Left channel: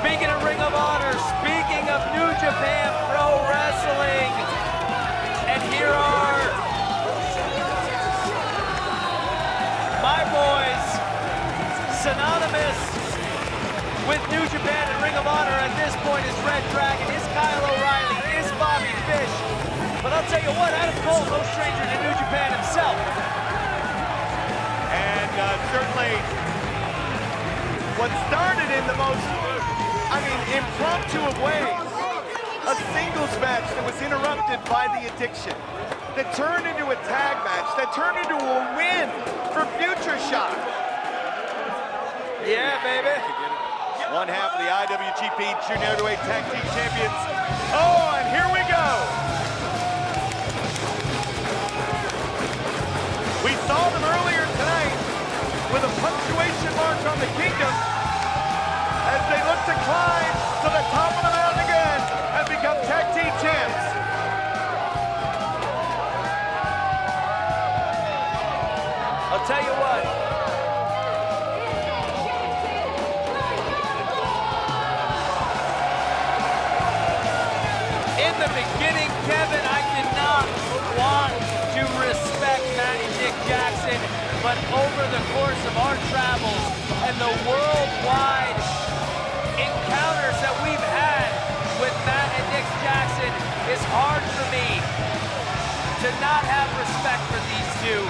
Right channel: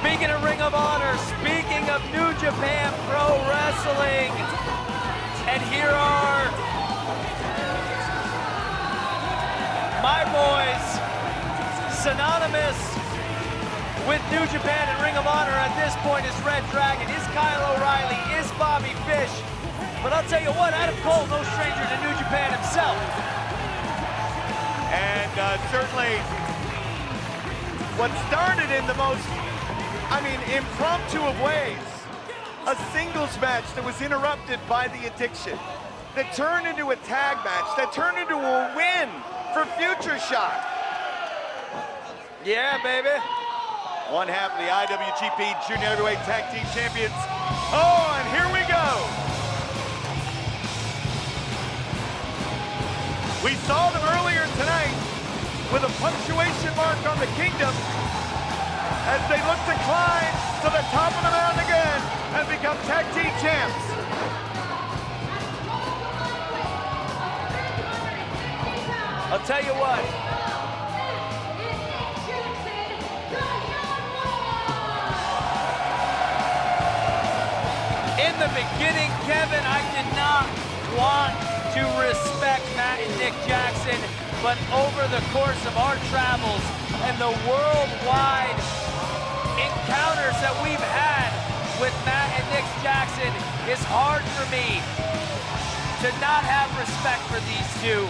Speaking of Ring of Honor, speaking of New Japan Pro Wrestling, and here are my boys, synonymous with New Japan and Ring of Honor at this point is Red Dragon, is Kyle O'Reilly, is Bobby Fish. But I'll tell you what, Adam Cole, no stranger to New Japan himself. And certainly what started in the most, impromptu of ways, a singles match that was interrupted by the addiction, that turned into a tag match, that turned into a win for Future Shock. Yeah, baby. One half of the IWGP Junior Heavyweight Tag Team Champions. Oh, and here we go. We saw them earlier tonight with a punctuation mark on the Kingdom as they look to climb to the top of the mountain again and become tag team champs. I'll tell you what. In the beginning, Kevin, I did not want to respect Matt and Nick Jackson, but over the course of our travels and the worldwide encounters that we've had with Matt and Nick Jackson, it's hard for me to not have respect for these two.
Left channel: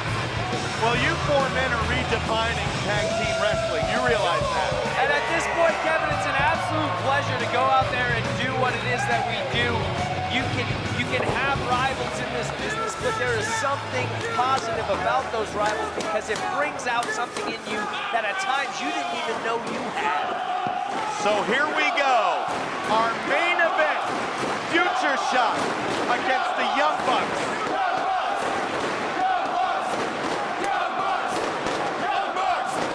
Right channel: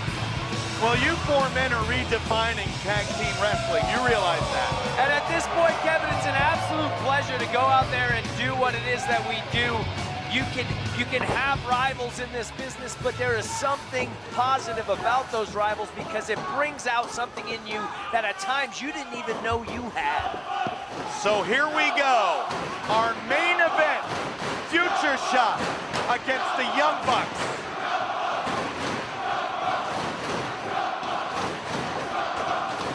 Well, you four men are redefining tag team wrestling. You realize that. And at this point, Kevin, it's an absolute pleasure to go out there and do what it is that we do. You can have rivals in this business, but there is something positive about those rivals because it brings out something in you that at times you didn't even know you had. So here we go. Our main event, Future Shock against the Young Bucks.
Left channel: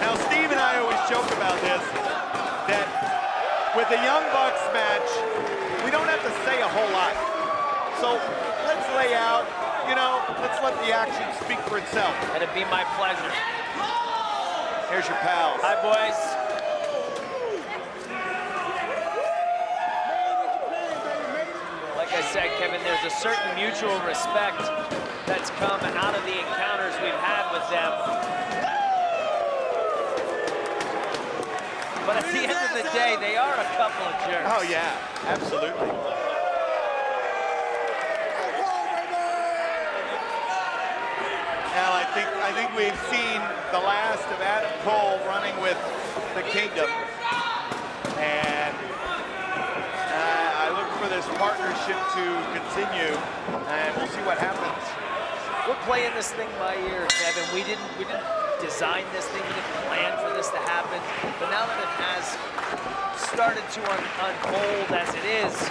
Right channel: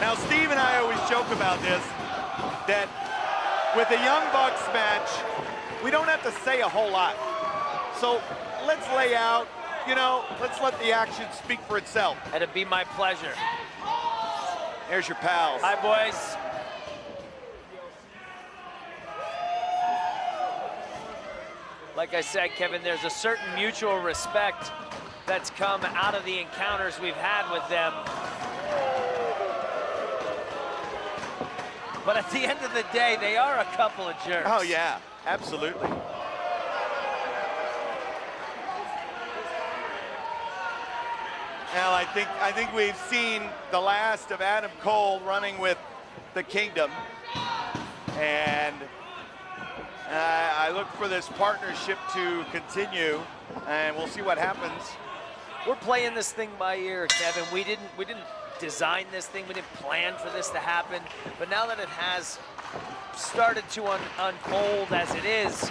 Now, Steve and I always joke about this, that with the Young Bucks match, we don't have to say a whole lot. So let's lay out, let's let the action speak for itself. And it'd be my pleasure. Here's your pals. Hi, boys. Like I said, Kevin, there's a certain mutual respect that's come out of the encounters we've had with them. But at the end of the day, they are a couple of jerks. Oh, yeah, absolutely. Now, I think we've seen the last of Adam Cole running with the Kingdom. And I look for this partnership to continue, and we'll see what happens. We're playing this thing by ear, Kevin. We didn't design this thing, we didn't plan for this to happen, but now that it has started to unfold as it is,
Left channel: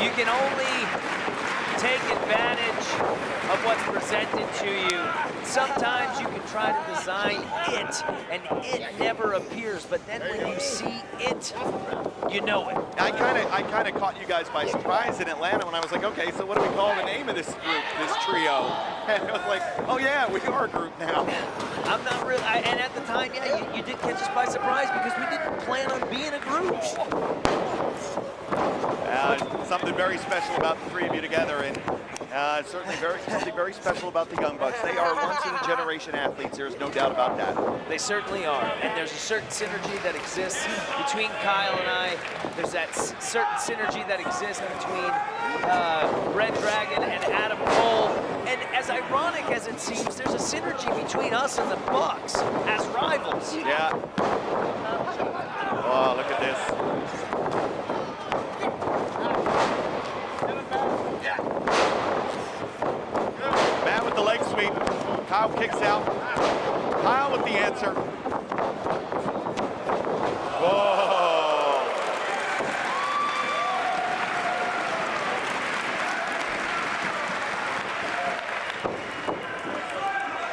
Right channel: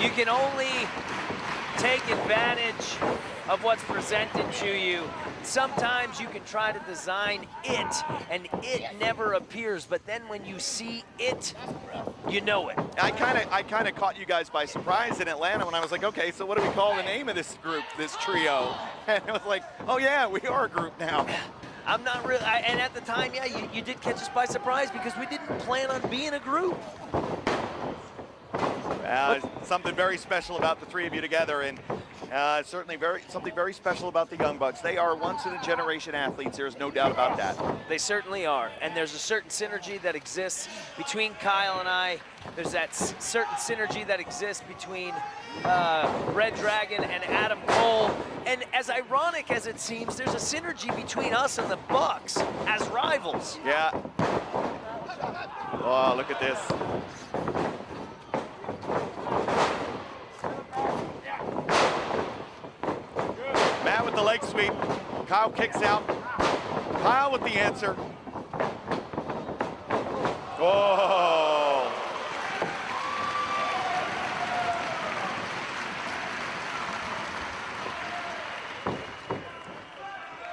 you can only take advantage of what's presented to you. Sometimes you can try to design it, and it never appears, but then when you see it, you know it. I kind of caught you guys by surprise in Atlanta when I was like, okay, so what do we call the name of this group, this trio? And it was like, oh yeah, we are a group now. I'm not really, and at the time, yeah, you did catch us by surprise because we didn't plan on being a group. Something very special about the three of you together, and certainly something very special about the Young Bucks. They are once-in-a-generation athletes. There's no doubt about that. They certainly are, and there's a certain synergy that exists between Kyle and I. There's that certain synergy that exists between Red Dragon and Adam Cole, and as ironic as it seems, there's a synergy between us and the Bucks as rivals. Yeah. Oh, look at this. Matt with the leg sweep. Kyle kicks out. Kyle with the answer. Whoa.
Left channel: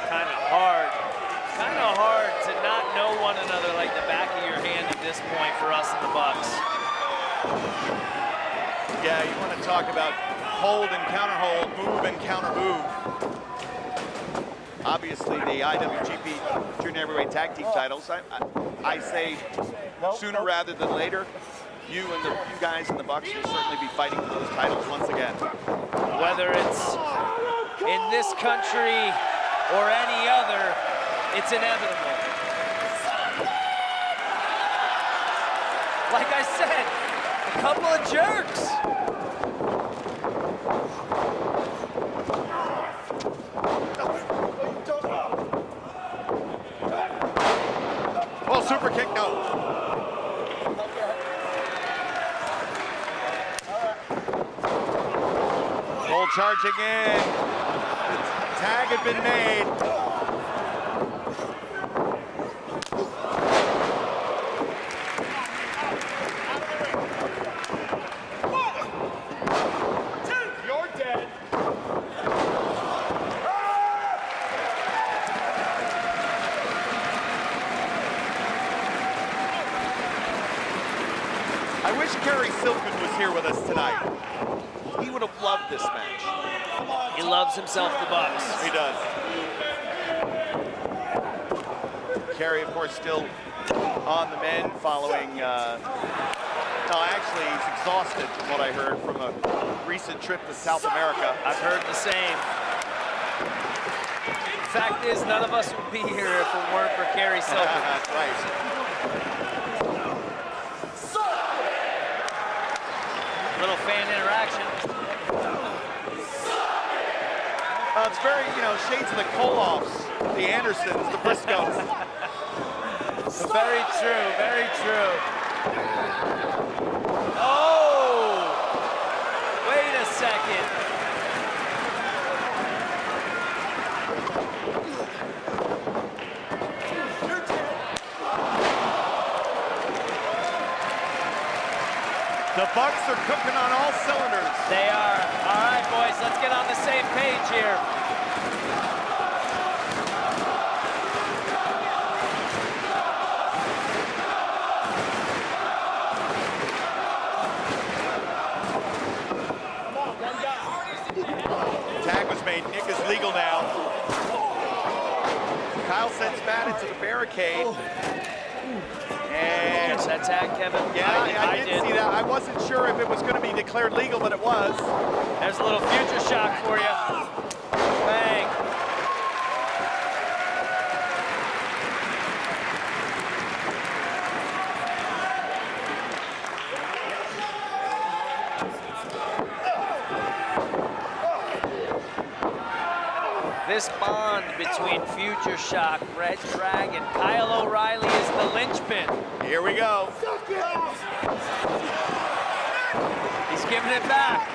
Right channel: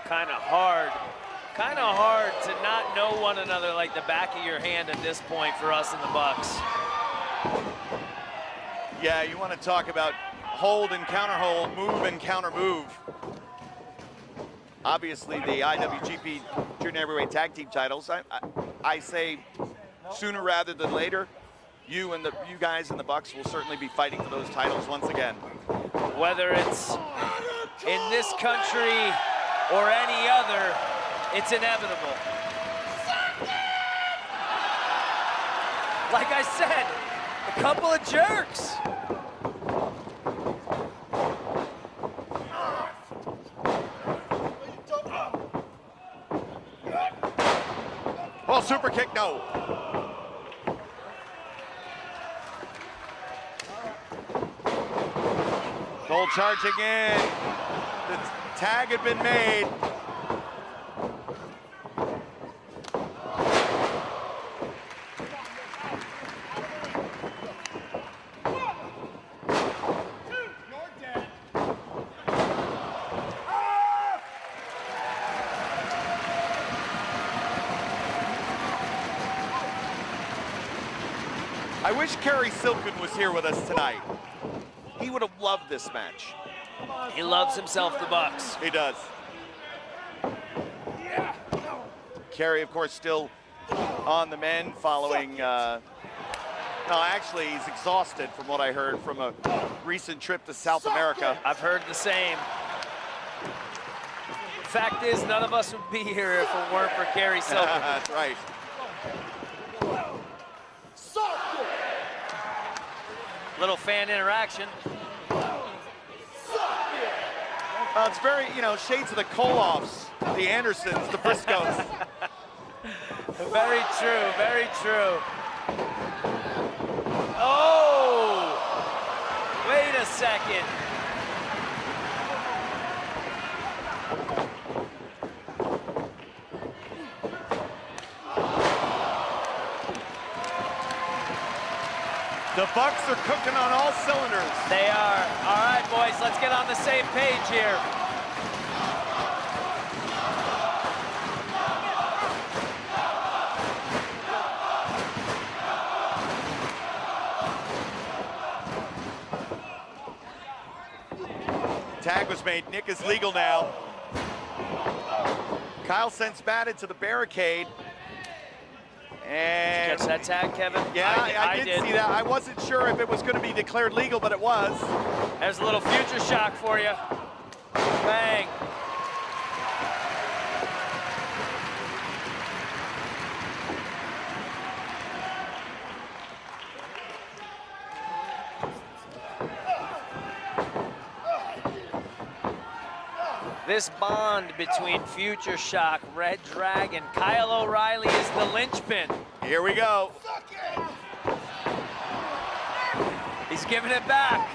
Kind of hard to not know one another like the back of your hand at this point for us and the Bucks. Yeah, you want to talk about hold and counter hold, move and counter move. obviously the IWGP Junior Heavyweight Tag Team titles. I say sooner rather than later, you guys in the Bucks will certainly be fighting for those titles once again. Whether it's in this country or any other, it's inevitable. Like I said, a couple of jerks. Oh, super kick, no. Cole charging in. The tag had been made. I wish Kerry Silken was here with us tonight. He would have loved this match. He loves himself the Bucks. He does. Kerry, of course, still on the mend following, no, actually, he's exhausted from what I heard from a recent trip to South America. I've heard the same. Fact is, none of us would be here if it weren't for Kerry Silken. That's right. Little fan interaction. It's very, shades of the Koloffs, the Andersons, the Briscoes. Very true, very true. Oh! Wait a second. The Bucks are cooking on all cylinders. They are. All right, boys, let's get on the same page here. Tag was made. Nick is legal now. Kyle sends Matt into the barricade. And Catch that tag, Kevin? yeah, I did see that. I wasn't sure if it was going to be declared legal, but it was. There's a little future shock for you. Bang. This bond between Future Shock, Red Dragon, Kyle O'Reilly is the linchpin. Here we go. He's giving it back,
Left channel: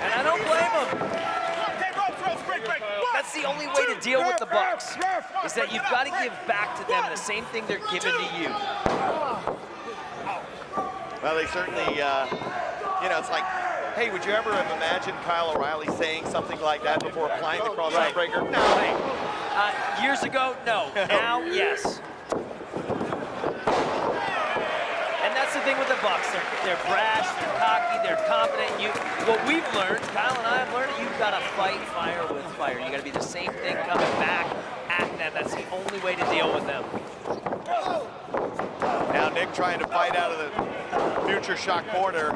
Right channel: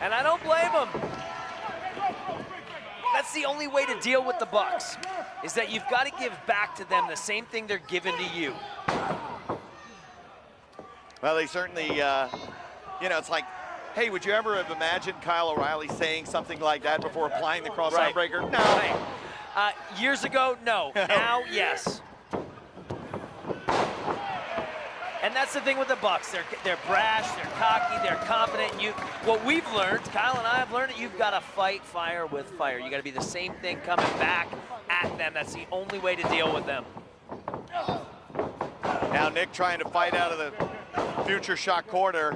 and I don't blame him. That's the only way to deal with the Bucks, is that you've got to give back to them the same thing they're giving to you. Well, they certainly, it's like, hey, would you ever have imagined Kyle O'Reilly saying something like that before applying the cross-arm breaker? No. Right. Years ago, no. Now, yes. And that's the thing with the Bucks. They're brash, they're cocky, they're confident. What we've learned, Kyle and I have learned, you've got to fight fire with fire. You got to be the same thing coming back at them. That's the only way to deal with them. Now Nick trying to fight out of the Future Shock corner.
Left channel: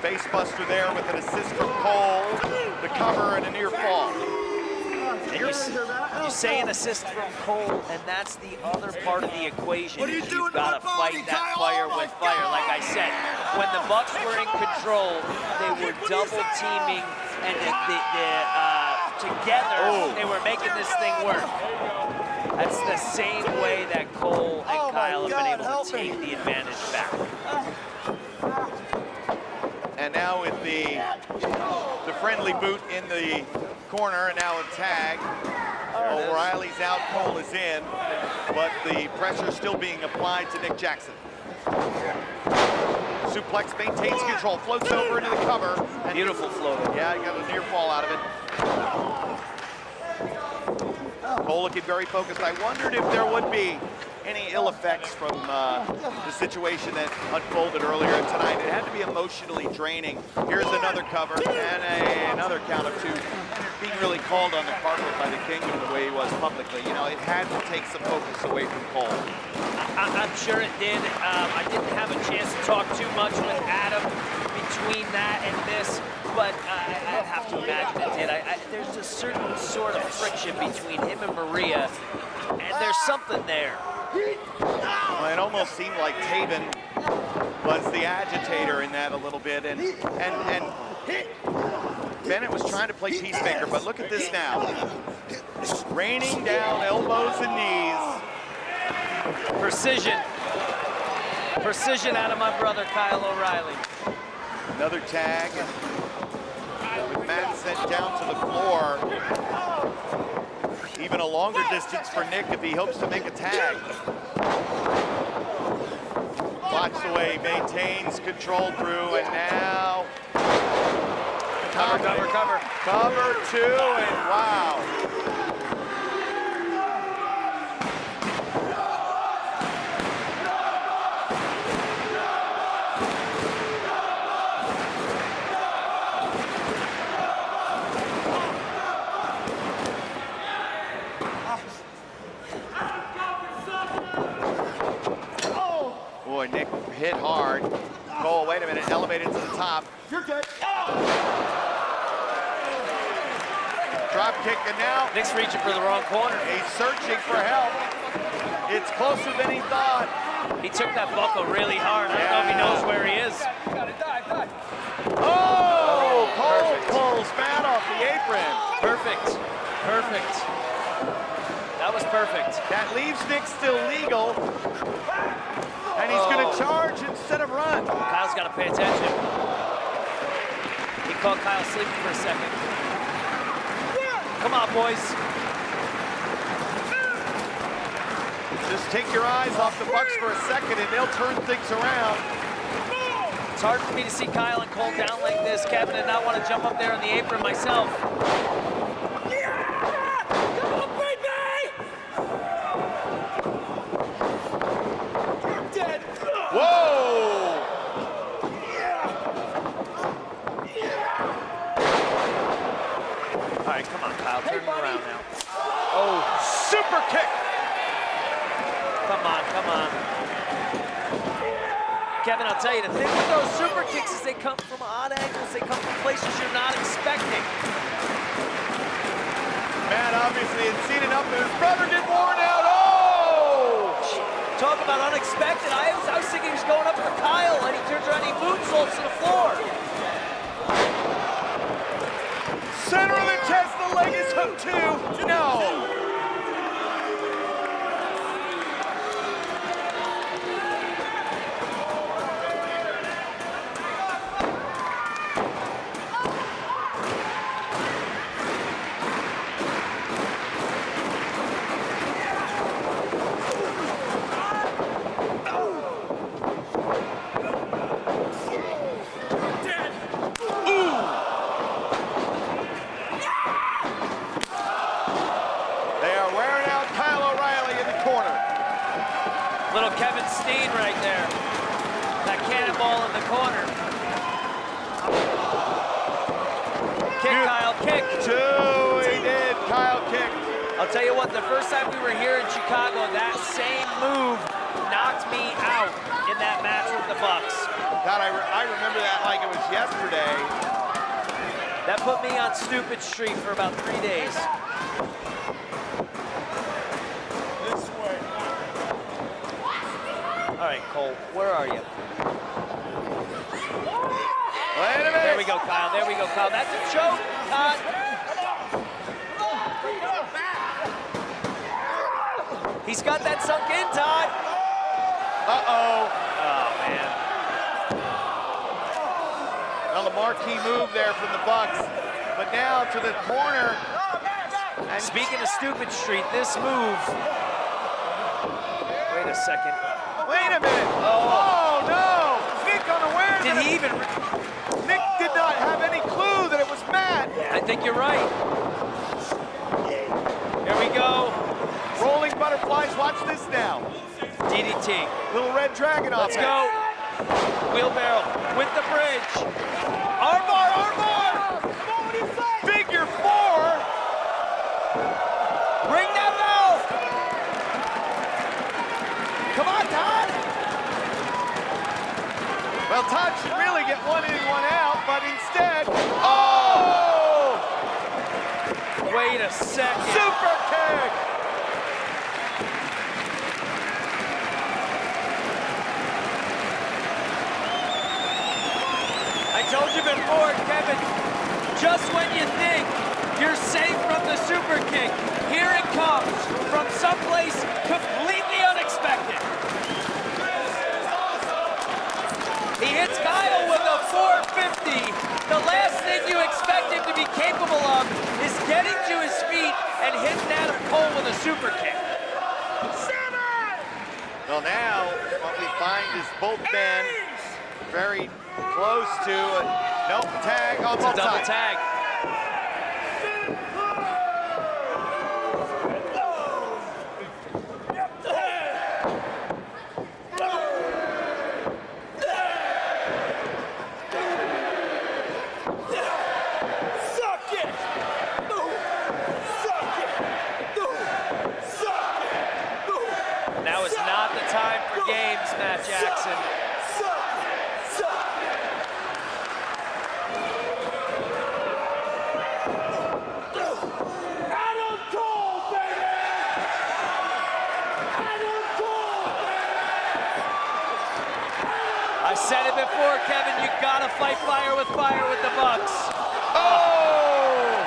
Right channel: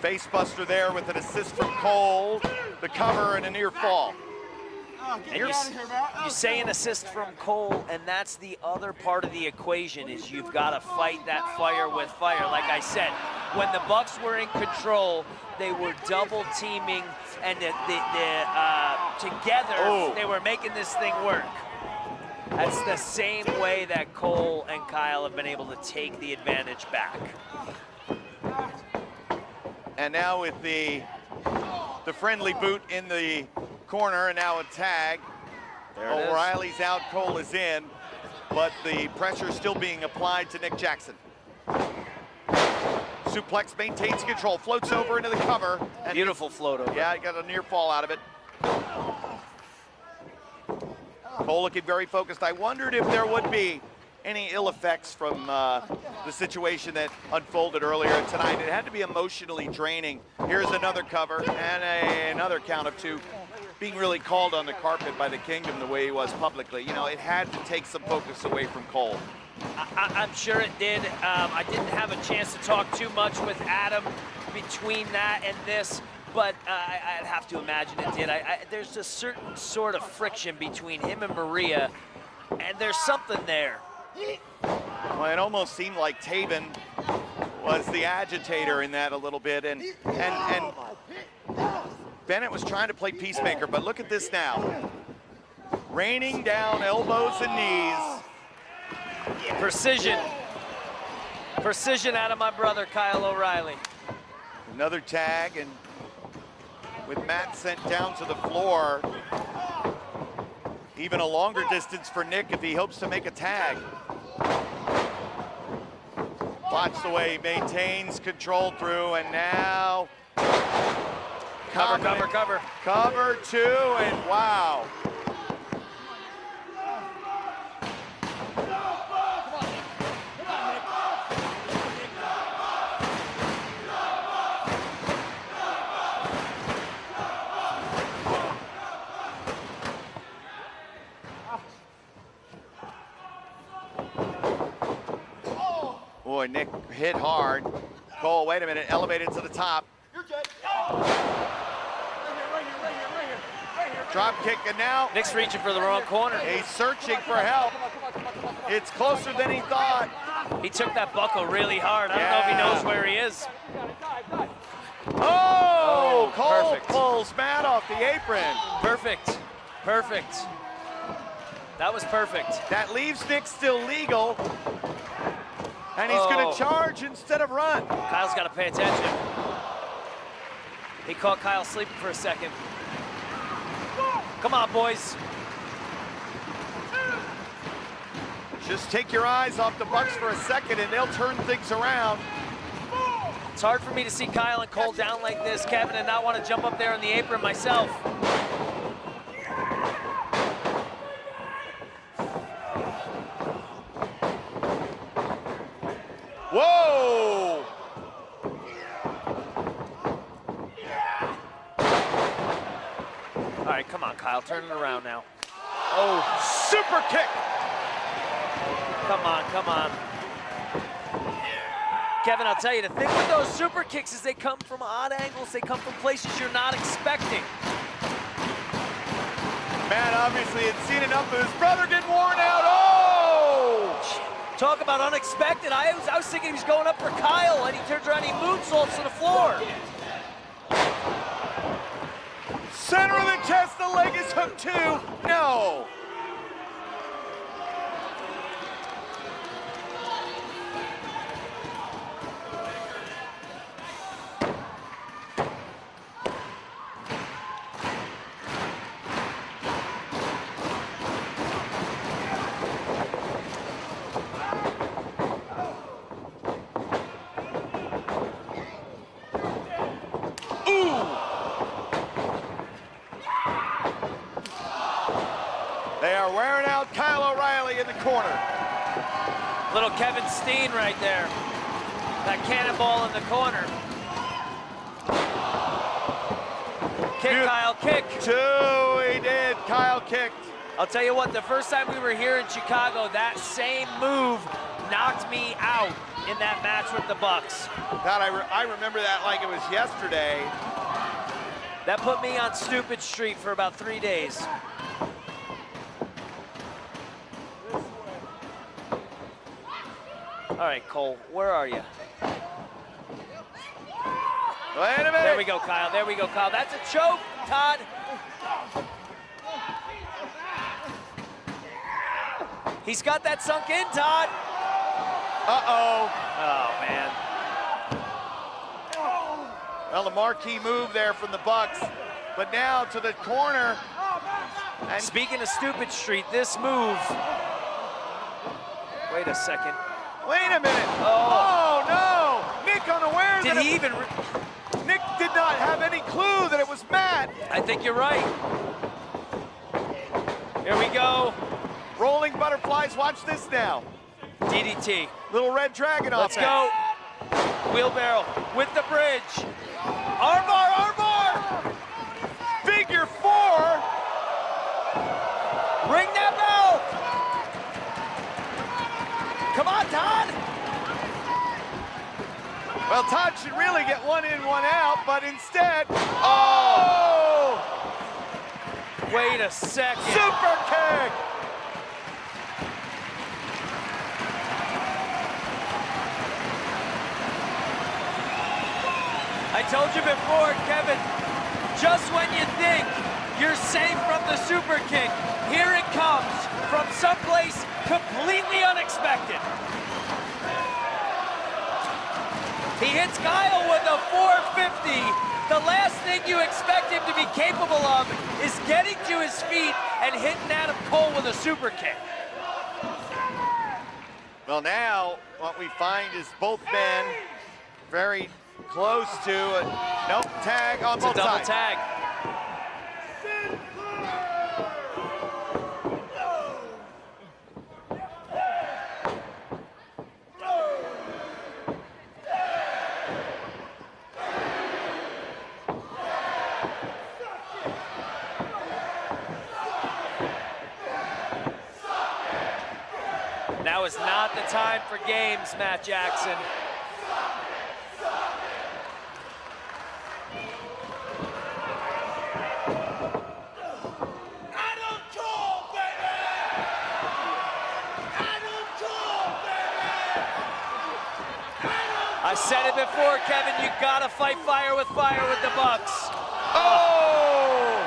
Facebuster there with an assist from Cole, the cover and a near fall. And you say an assist from Cole, and that's the other part of the equation, is you've got to fight that fire with fire. Like I said, when the Bucks were in control, they were double teaming, and together they were making this thing work. That's the same way that Cole and Kyle have been able to take the advantage back. And now with the friendly boot in the corner, and now a tag. O'Reilly's out, Cole is in, but the pressure still being applied to Nick Jackson. Suplex maintains control, floats over into the cover. And beautiful float over. Yeah, he got a near fall out of it. Cole looking very focused. I wondered if there would be any ill effects from the situation that unfolded earlier tonight. It had to be emotionally draining. Here's another cover and another count of 2. Being really called on the carpet by the Kingdom the way he was publicly. You know, it had to take some focus away from Cole. I'm sure it did. I didn't have a chance to talk too much with Adam between that and this, but I'd have to imagine it did. There's a certain sort of friction between him and Maria, and there's something there. Well, it almost seemed like Taven was the agitator in that a little bit, and Bennett was trying to play peacemaker, but look at this now. Raining down elbows and knees. Precision. Precision out of my brother, Kyle O'Reilly. Another tag, and with Matt sent down to the floor, even a longer distance for Nick if he hopes to make a tag. Watch the way he maintains control through, and now Cover. Cover 2, and wow. Boy, Nick hit hard. Cole, wait a minute, elevated to the top. You're good. Drop kick, and now Nick's reaching for the wrong corner. he's searching for help. It's closer than he thought. He took that buckle really hard. I don't know if he knows where he is. Oh, Cole perfect. pulls Matt off the apron. Perfect. That was perfect. That leaves Nick still legal. And he's gonna charge instead of run. Kyle's got to pay attention. He caught Kyle sleeping for a second. Come on, boys. Just take your eyes off the Bucks for a second and they'll turn things around. It's hard for me to see Kyle and Cole down like this, Kevin, and not want to jump up there on the apron myself. Whoa! All right, come on, Kyle, turn it around now. Oh, super kick! Come on. Kevin, I'll tell you, the thing with those super kicks is they come from odd angles. They come from places you're not expecting. Matt obviously had seen enough of his brother get worn out. Oh! Talk about unexpected. I was thinking he was going up for Kyle, and he turns around and he moonsaults to the floor. Center of the chest, the leg is hooked too. No! They are wearing out Kyle O'Reilly in the corner. Little Kevin Steen right there. That cannonball in the corner. Kick, Kyle, kick. 2, he did. Kyle kicked. I'll tell you what, the first time we were here in Chicago, that same move knocked me out in that match with the Bucks. God, I remember that like it was yesterday. That put me on Stupid Street for about 3 days. All right, Cole, where are you? Wait a minute. There we go, Kyle. There we go, Kyle. That's a choke, Todd. He's got that sunk in, Todd. Uh-oh. Oh, man. Well, the marquee move there from the Bucks, but now to the corner. And speaking of Stupid Street, this move. Wait a second. Wait a minute. Oh, no. Nick unaware. Did he even? Nick did not have any clue that it was Matt. I think you're right. Here we go. Rolling butterflies. Watch this now. DDT. Little Red Dragon Let's offense. go. Wheelbarrow with the bridge. Armbar, armbar. Figure 4. Ring that bell. Come on, Todd. Well, Todd should really get one in, one out, but instead, oh! Wait a second. Super kick! I told you before, Kevin, just when you think you're safe from the super kick, here it comes from someplace completely unexpected. He hits Kyle with a 450. The last thing you expect him to be capable of is getting to his feet and hitting Adam Cole with a super kick. Well, now what we find is both men very close to a nope, tag on It's both a double sides. tag. Now is not the time for games, Matt Jackson. I said it before, Kevin, you gotta fight fire with the Bucks. Oh!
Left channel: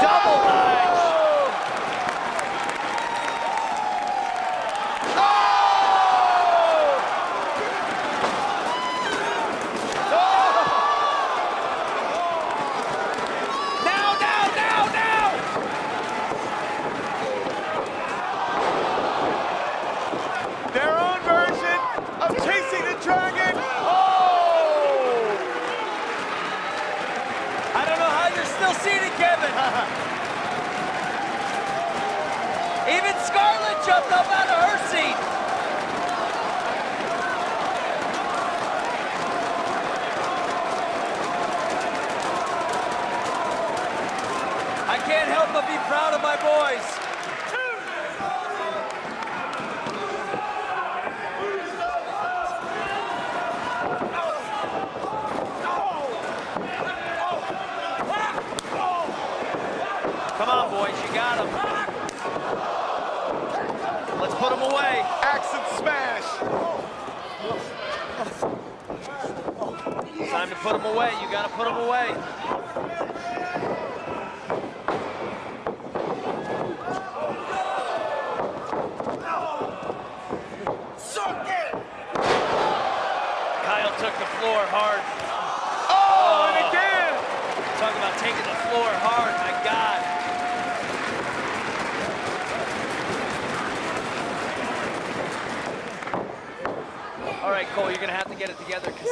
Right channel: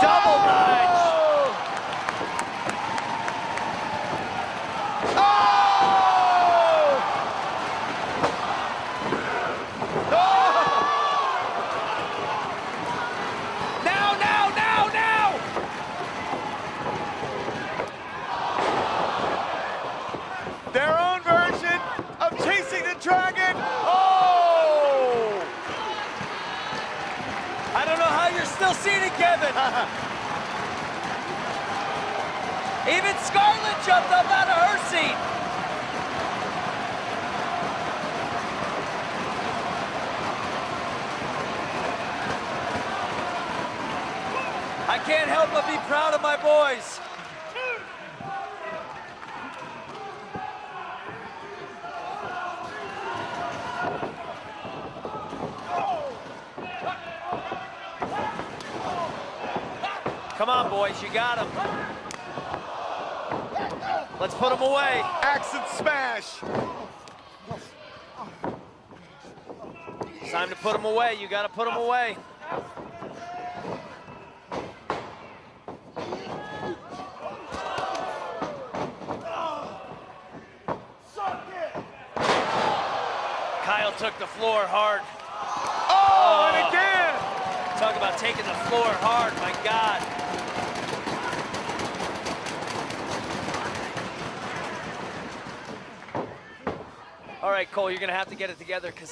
Double punch. Now. Their own version of chasing the dragon. Oh! I don't know how you're still seated, Kevin. Even Scarlett jumped up out of her seat. I can't help but be proud of my boys. Come on, boys, you got him. Let's put him away. Axe and smash. It's time to put him away. You got to put him away. Kyle took the floor hard. Oh, and again. Talk about taking the floor hard, my God. All right, Cole, you're gonna have to get it together because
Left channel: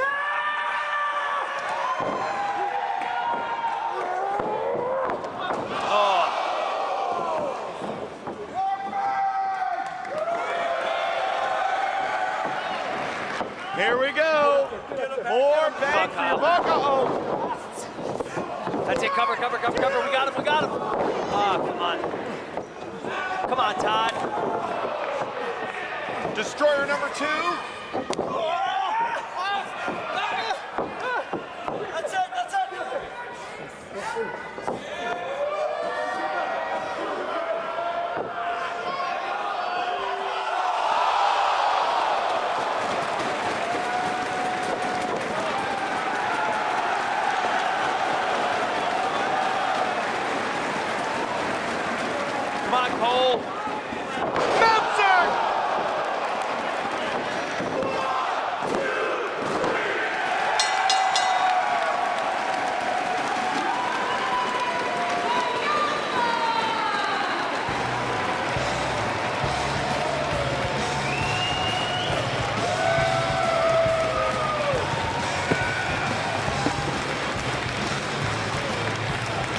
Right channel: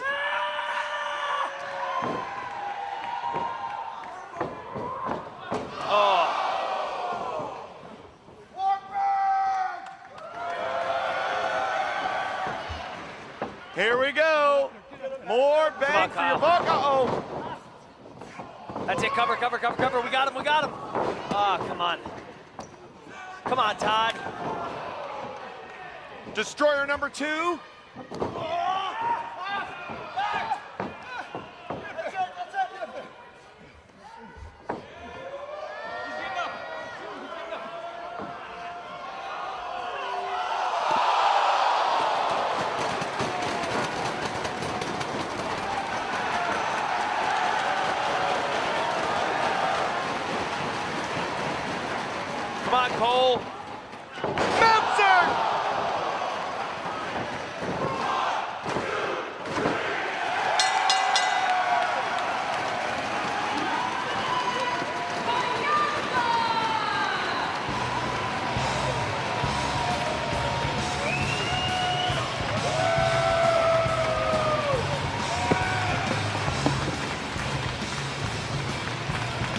Here we go. More bang for your buck. Uh-oh. That's it, cover. We got him. Oh, come on. Come on, Todd. Destroyer number 2. Come on, Cole. Meltzer!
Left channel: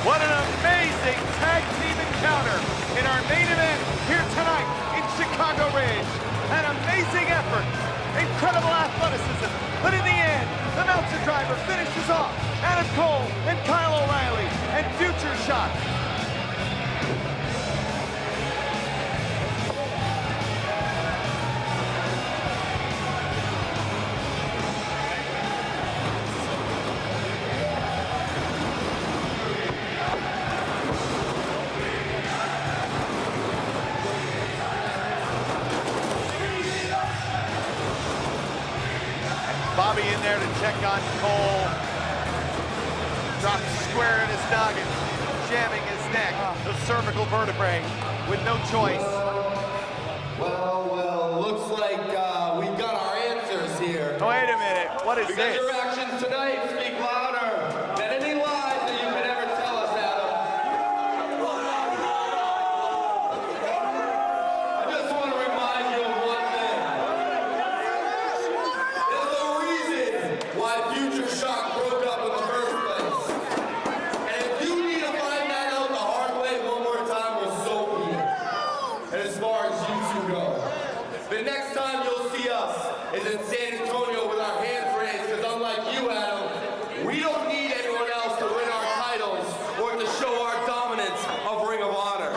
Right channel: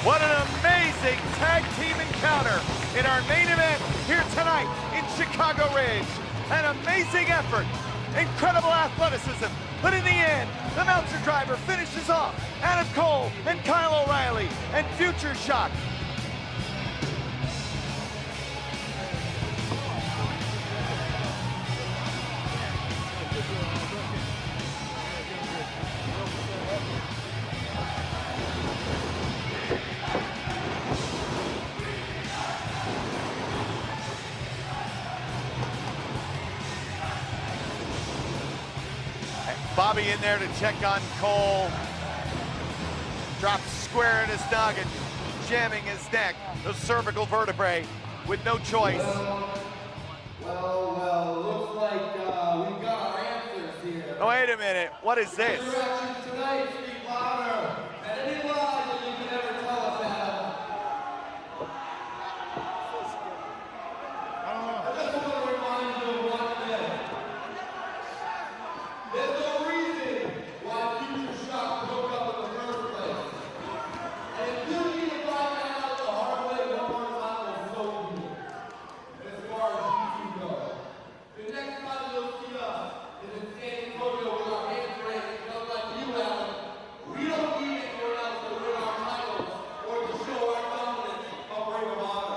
What an amazing tag team encounter in our main event here tonight in Chicago Ridge. An amazing effort, incredible athleticism, but in the end, the Meltzer driver finishes off Adam Cole and Kyle O'Reilly and Future Shock. Bobby in there to check on Cole. Drops square in his noggin, jamming his neck, the cervical vertebrae, with no choice. Well, looks like we got our answers here. Oh, wait a minute, what is this? Your actions tonight speak louder than any lies that you can ever tell us, Adam. I just want to remind you of one thing. There's no reason why Future Shock broke up in the first place. And if you need to find that out the hard way one more time, well, so be it. And as far as you two go, the next time you'll see us is in San Antonio with our hands raised, because unlike you, Adam, we don't need anyone else to win our titles or to show our dominance of Ring of Honor.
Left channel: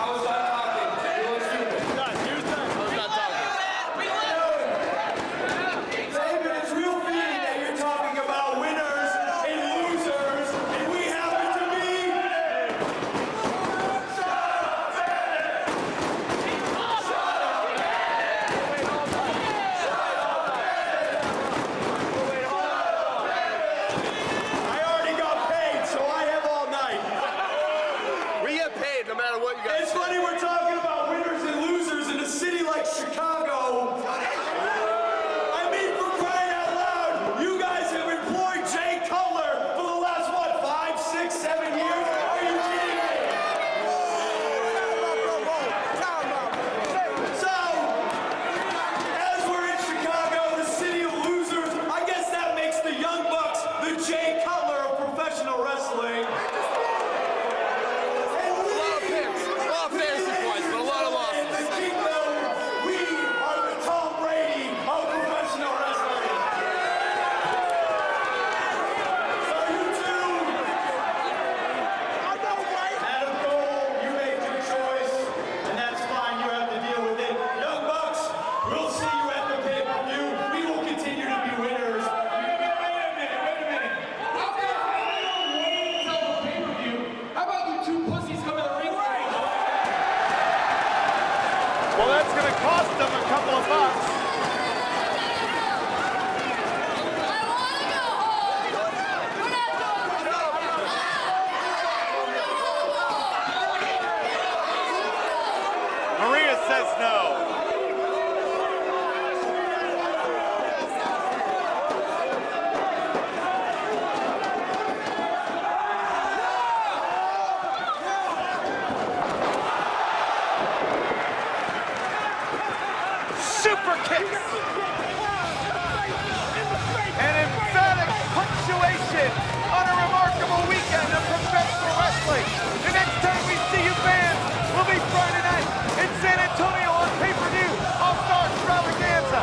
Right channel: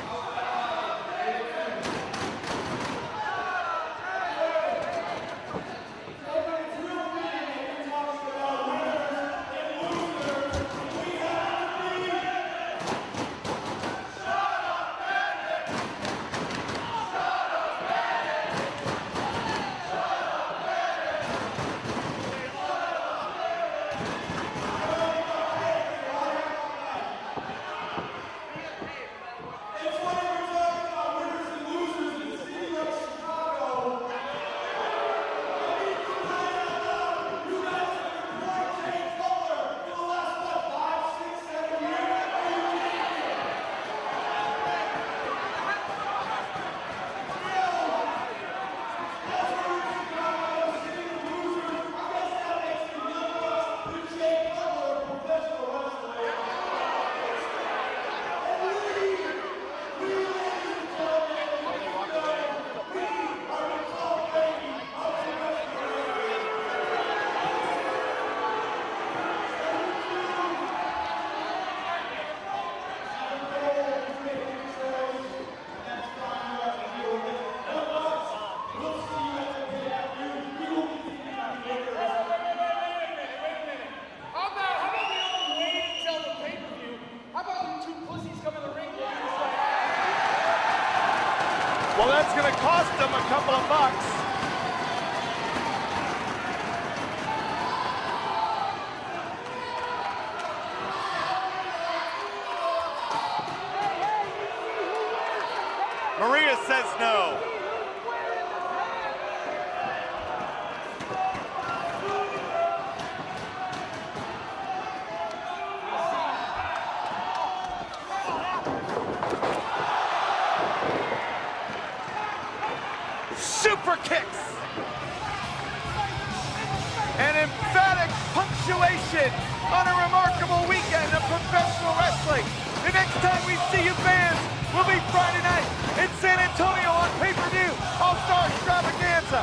How's that happening? You look stupid. David, it's real mean that you're talking about winners and losers, and we happen to be. I already got paid, so I have all night. We get paid no matter what you guys It's funny we're talking about winners and losers in a city like Chicago. I mean, for crying out loud, you guys have employed Jay Cutler for the last, what, 5, 6, 7 years? Are you kidding me? So, as we're in Chicago, the city of losers, I guess that makes the Young Bucks the Jay Cutler of professional wrestling. Well, fantasy points, but a lot of losses. We are the Tom Brady of professional wrestling. So you two, Adam Cole, you made a good choice, and that's fine. You have to deal with it. Young Bucks, we'll see you at the pay-per-view. We will continue to be winners. Wait a minute. How about wait until the pay-per-view? How about you two pussies come in the ring right now? Well, that's gonna cost them a couple of bucks. Maria says no. Super kicks. An emphatic punctuation on a remarkable weekend of professional wrestling. The next time we see you fans will be Friday night in San Antonio on pay-per-view All-Star Extravaganza.